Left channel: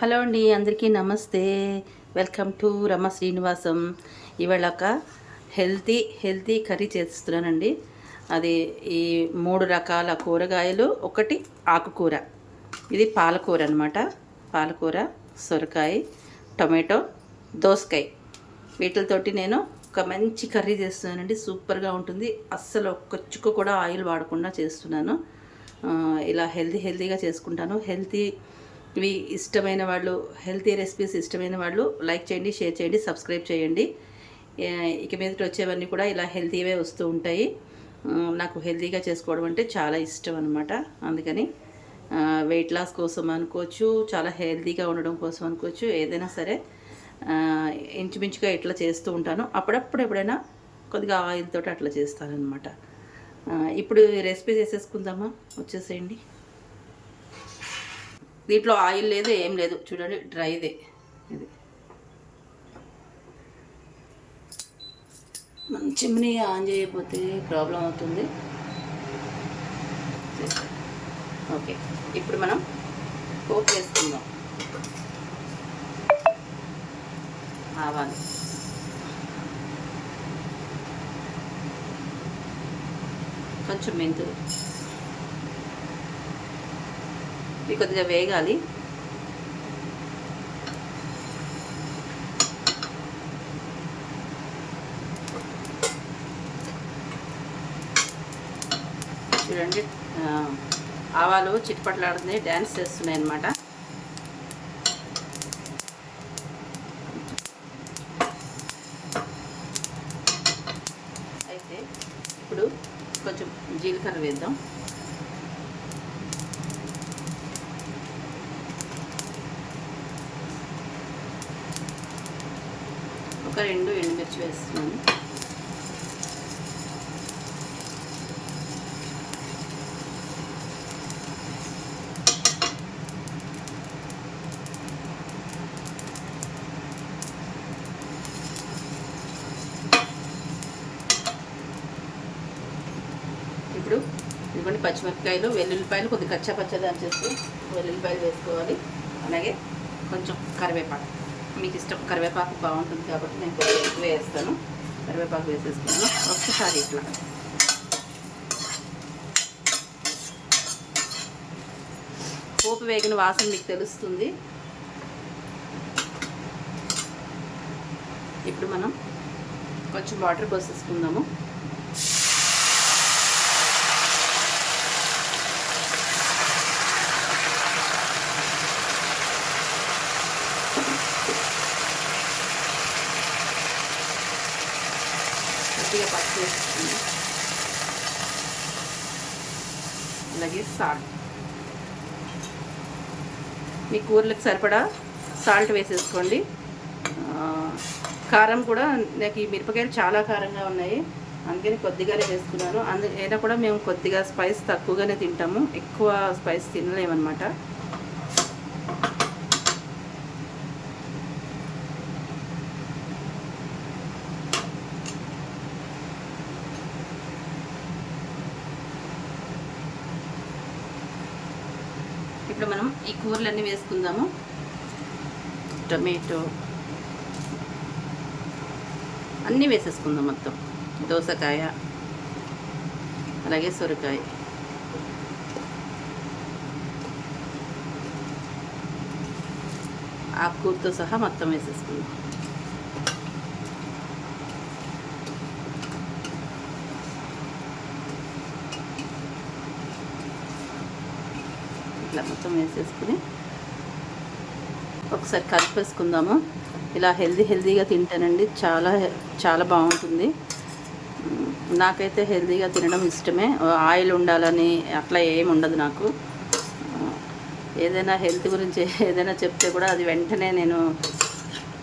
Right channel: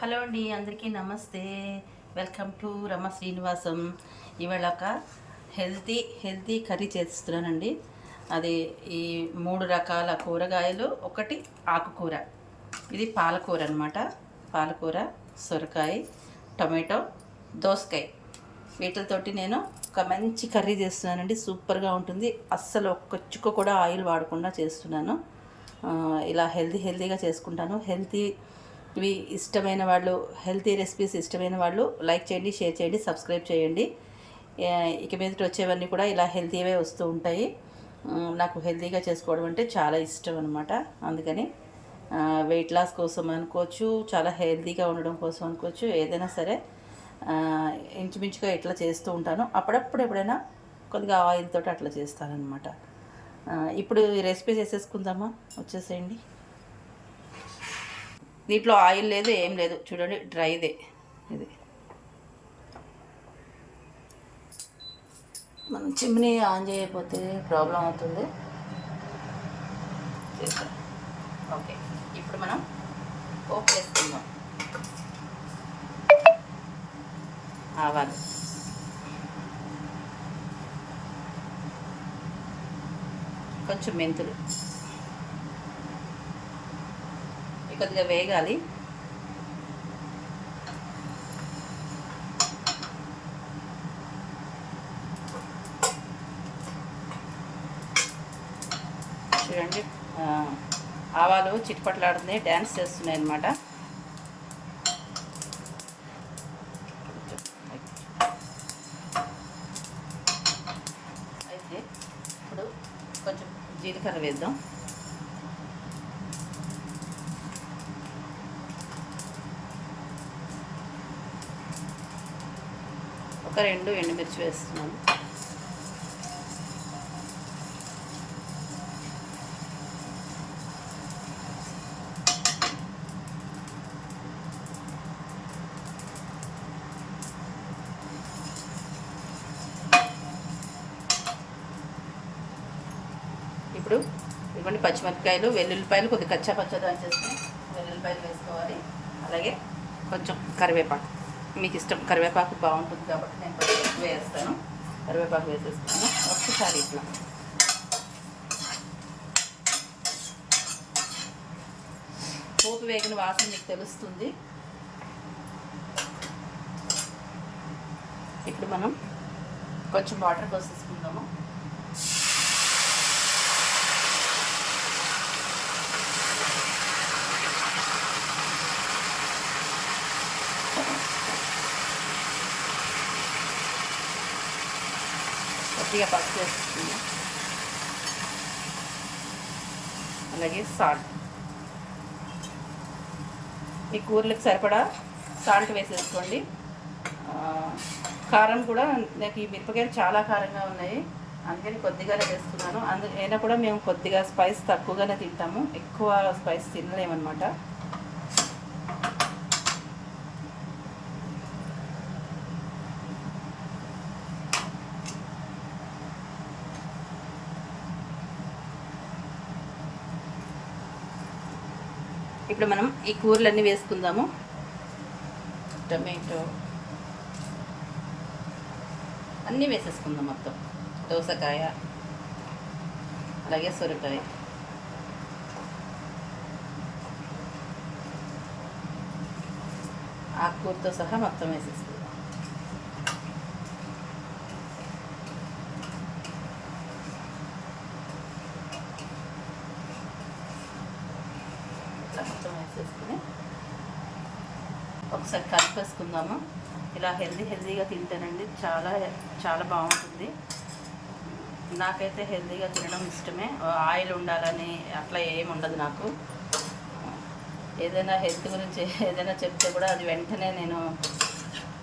Hello అండి, అందరికీ నమస్తే. Welcome to Rama Srinivasam. ఇవాళ ఒక హెల్తీ కర్రీ చేస్తున్నానండి. అది ఈ 3 రకాల కూరగాయలు, ఒకటి ఆకుకూర. ఇది పాలకూర అనమాట. పాలకూర, సొరకాయ, టొమాటో, దోసకాయ, వీటితోటి నేను ఒక మంచి కర్రీ చేస్తున్నానండి. సూపర్గా ఉంటుంది. అస్సలు ఒక్క చుక్క కూడా ఆయిల్ వాడకుండా చేస్తున్నాను. ఇలా హెల్తీగా చేసుకుంటాను. ఇవి ఇష్టమైన వాళ్ళు, హెల్తీ రెసిపీస్ ఇష్టమైన వాళ్ళు లైక్ చేయండి, షేర్ చేయండి, సబ్స్క్రైబ్ చేయండి. ఇక మీదట వచ్చేవన్నీ కూడా ఇలా హెల్తీవే వస్తూ ఉంటాయి. నాకు హెల్తీగా చేసుకోవడం అంటే చాలా ఇష్టం అనమాట. అందుకని వెయిట్ లాస్ కోసం అనుకోవచ్చు, చాలా హెల్తీగా ఉండడం కోసం అనుకోవచ్చు, ఏదైనా సరే ఇంచుమించుగా ఇట్లా చేస్తూ ఉంటాను. అప్పుడప్పుడు ఎప్పుడైనా కొద్దిగా ఆయిల్ తోటి అట్లా చేస్తానన్నమాట. ఇప్పుడు ఈ రెసిపీ చేసేసుకుందామా? వచ్చేసేయండి. దీంట్లో ఆయిల్ లేదు, ఏం లేదు. చూడండి, డ్రైదే ఇది. మనం చిమ్నీ ఆన్ చేయకపోతే ప్రాబ్లం అవుతుంది. ఓకే, ఇప్పుడు మనం పోపు వేసుకుందాం. ఆవాలు, కొంచెం మెంతులు, ఇది కొద్దిగా వేగాలి. చూడండి, ఆవాలు చిట్పట్లాడుతున్నాయి, డ్యాన్స్ చేస్తున్నాయి అన్నమాట. అయితే ఇప్పుడు కొంచెం జీలకర్ర వేద్దాం. ఒక 2 ఎండుమిర్చి వేస్తున్నాను. ఇప్పుడు ఇదిగోండి పచ్చిమిరపకాయలు, వెల్లుల్లిపాయలు, కొద్దిగా కచ్చా చేసి వెల్లుల్లిపాయలు వేసుకోవాలి. అలాగే కొంచెం కరివేపాకు, మీకు ఇష్టం, కరివేపాకు బాగుంటుంది కాబట్టి నేను కొంచెం ఎక్కువ వేస్తాను. కరివేపాకు వేసేస్తున్నాను. ఒక్కసారి ఇట్లా పోపు వేగిన వాసన మీకు తెలుస్తుంది. ఇప్పుడు మనం కొంచెం వాటర్ పోసేసుకుందాము. కొద్దిగా పసుపు వేసుకుందాం. అలాగే సాల్ట్, మీ కూరలకు సరిపడా సాల్ట్ వేసేసుకోండి. కారం కూడా, నాకు ఈ మిరపకాయలు చాలా కారంగా ఉన్నాయి, అందుకని కొద్దిగానే వేస్తున్నాను. అయినా కూడా మేము కొద్దిగా స్పైస్ తక్కువగానే తింటాము, ఎక్కువ స్పైస్ తినలేమన్నమాట. ఇప్పుడు మనం ఈ కూరలన్నీ వేసుకుందాము. టొమాటో అన్నీ వేసేసుకుందాం మొత్తం. దోసకాయ, అలాగే సొరకాయ, ఆకుకూరతో సహా మొత్తం వేసేసుకుందాం. ఇట్లా మొత్తం వేసేసుకుని ఒకసారి కలిపేసుకుందాము. ఇలా హెల్తీగా తింటానండి, చాలా బాగుంటుంది. నాకైతే హెల్తీగా తినడం ఇష్టమే. ఆయిల్ ఉండాలని అట్లా ఏమి ఉండదు నాకు. ఏదైనా హెల్త్ గురించి ఏదైనా చెప్తే కూడా అది వెంటనే నేను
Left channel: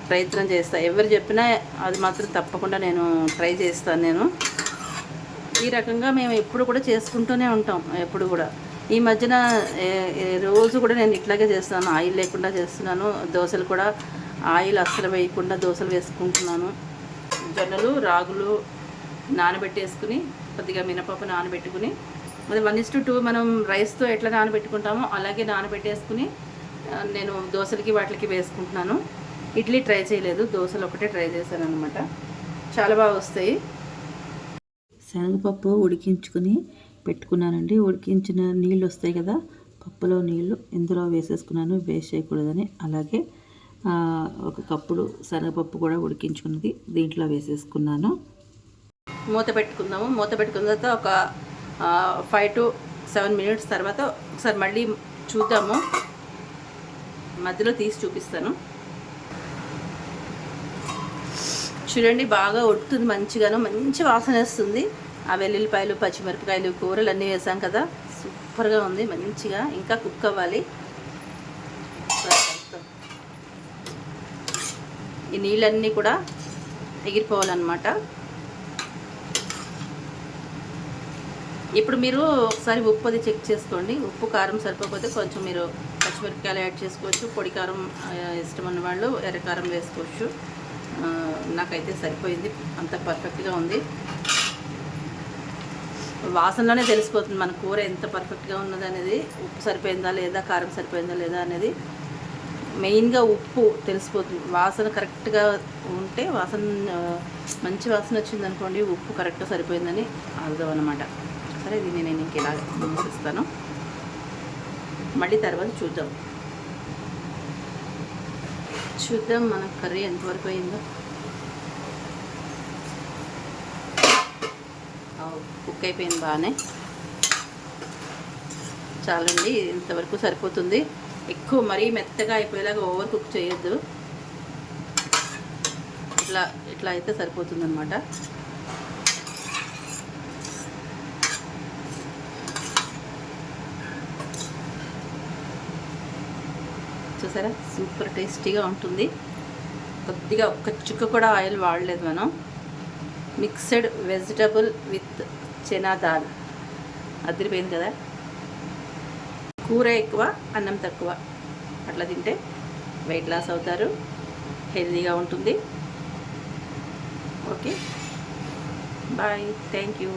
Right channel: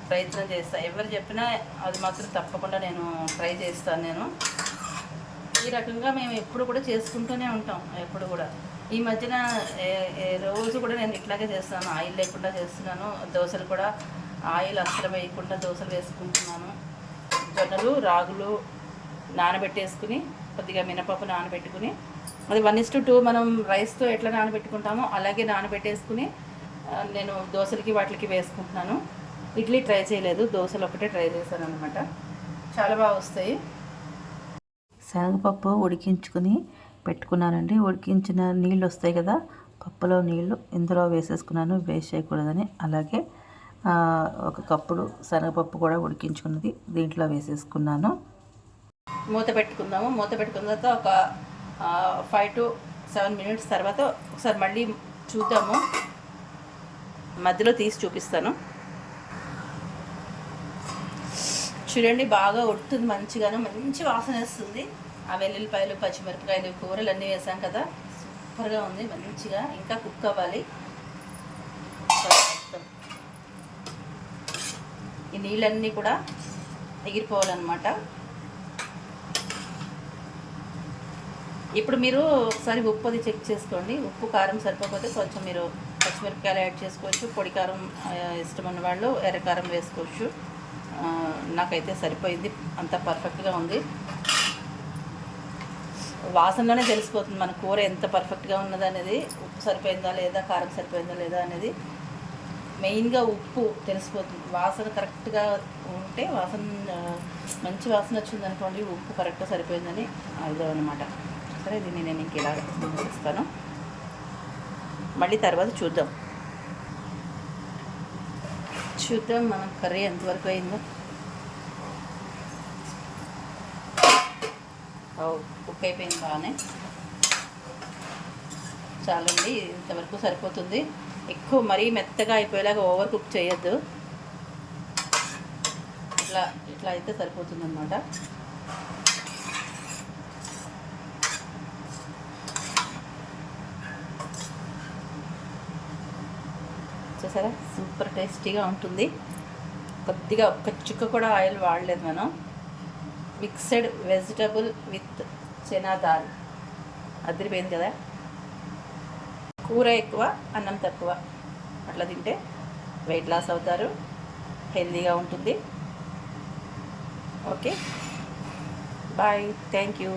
ప్రయత్నం చేస్తాను. ఎవరు చెప్పినా అది మాత్రం తప్పకుండా నేను ట్రై చేస్తాను. నేను ఈ రకంగా మేము ఎప్పుడు కూడా చేసుకుంటూనే ఉంటాం. ఎప్పుడు కూడా ఈ మధ్యన రోజు కూడా నేను ఇట్లాగే చేస్తాను, ఆయిల్ లేకుండా చేస్తున్నాను. దోశలు కూడా ఆయిల్ అస్సలు వేయకుండా దోశలు వేసుకుంటున్నాను. జొన్నలు, రాగులు నానబెట్టేసుకుని, కొద్దిగా మినపప్పు నానబెట్టుకుని, అది 1:2 మనం రైస్తో ఎట్లా నానబెట్టుకుంటామో అలాగే నానబెట్టేసుకుని నేను దోశలకి వాటికి వేసుకుంటున్నాను. ఇడ్లీ ట్రై చేయలేదు, దోశలు ఒకటే ట్రై చేశాను అనమాట. చాలా బాగా వస్తాయి. శనగపప్పు ఉడికించుకుని పెట్టుకున్నానండి. ఉడికించిన నీళ్ళు వస్తాయి కదా, పప్పులో నీళ్ళు ఇందులో వేసేసుకున్నాను, వేస్ట్ చేయకూడదని. అలాగే ఒక కప్పుడు శనగపప్పు కూడా ఉడికించుకున్నది దీంట్లో వేసేసుకున్నాను. మూత పెట్టుకుందాము. మూత పెట్టుకున్న తర్వాత ఒక 5 to 7 minutes తర్వాత ఒకసారి మళ్ళీ చూద్దాము. మధ్యలో తీసి చూపిస్తాను. చూడండి, బాగా ఉడుకుతుంది, మంచిగాను మంచి వాసన వస్తుంది. ఆ వెల్లుల్లిపాయలు, పచ్చిమిరపకాయలు, కూరలు అన్నీ వేసాం కదా, సూపర్గా ఉంది. మంచిగా ఇంకా కుక్ అవ్వాలి. ఈ నీళ్ళన్నీ కూడా ఎగిరిపోవాలన్నమాట. ఇప్పుడు మీరు ఒకసారి ఉప్పు అది చెక్ చేసుకోండి. ఉప్పు కారం సరిపోకపోతే కొంచెం మీరు పచ్చిమిరపకాయలు యాడ్ చేసుకోవచ్చు. పొడి కారం ఇష్టం ఉన్న వాళ్ళు ఎర్రకారం వేసుకోవచ్చు. నాకైతే సరిపోయింది, అంత పర్ఫెక్ట్గా ఉంది. వాసనలోనే తెలిసిపోతుంది మన కూర ఎంత పర్ఫెక్ట్గా ఉన్నది అనేది. ఉప్పు సరిపోయిందా లేదా, కారం సరిపోయిందా లేదా అనేది మెయిన్గా ఉప్పు తెలిసిపోతుంది. వాసన కరెక్ట్గా ఉంటే, మంచి వాసన వచ్చింది అనుకోండి, ఉప్పు కరెక్ట్గా సరిపోయిందని అర్థం అన్నమాట. సరే, దీన్ని నేను ఇంక ఇలా మూసిస్తాను. మళ్ళీ తర్వాత చూద్దాం మన కర్రీ ఎంతవరకు అయిందో. కుక్ అయిపోయింది బాగానే. చాలండి, ఇంతవరకు సరిపోతుంది. ఎక్కువ మరీ మెత్తగా అయిపోయేలాగా ఓవర్ కుక్ చేయొద్దు. ఇట్లా అయితే సరిపోతుంది అన్నమాట. చూసారా, సూపర్ టేస్టీగా ఉంటుంది. కొద్దిగా ఒక్క చుక్క కూడా ఆయిల్ వాడలేదు మనం. Mixed vegetable with chana dal అదిరిపోయింది కదా. కూర ఎక్కువ, అన్నం తక్కువ, అట్లా తింటే వెయిట్ లాస్ అవుతారు, హెల్తీగా ఉంటుంది. Okay, bye, thank you.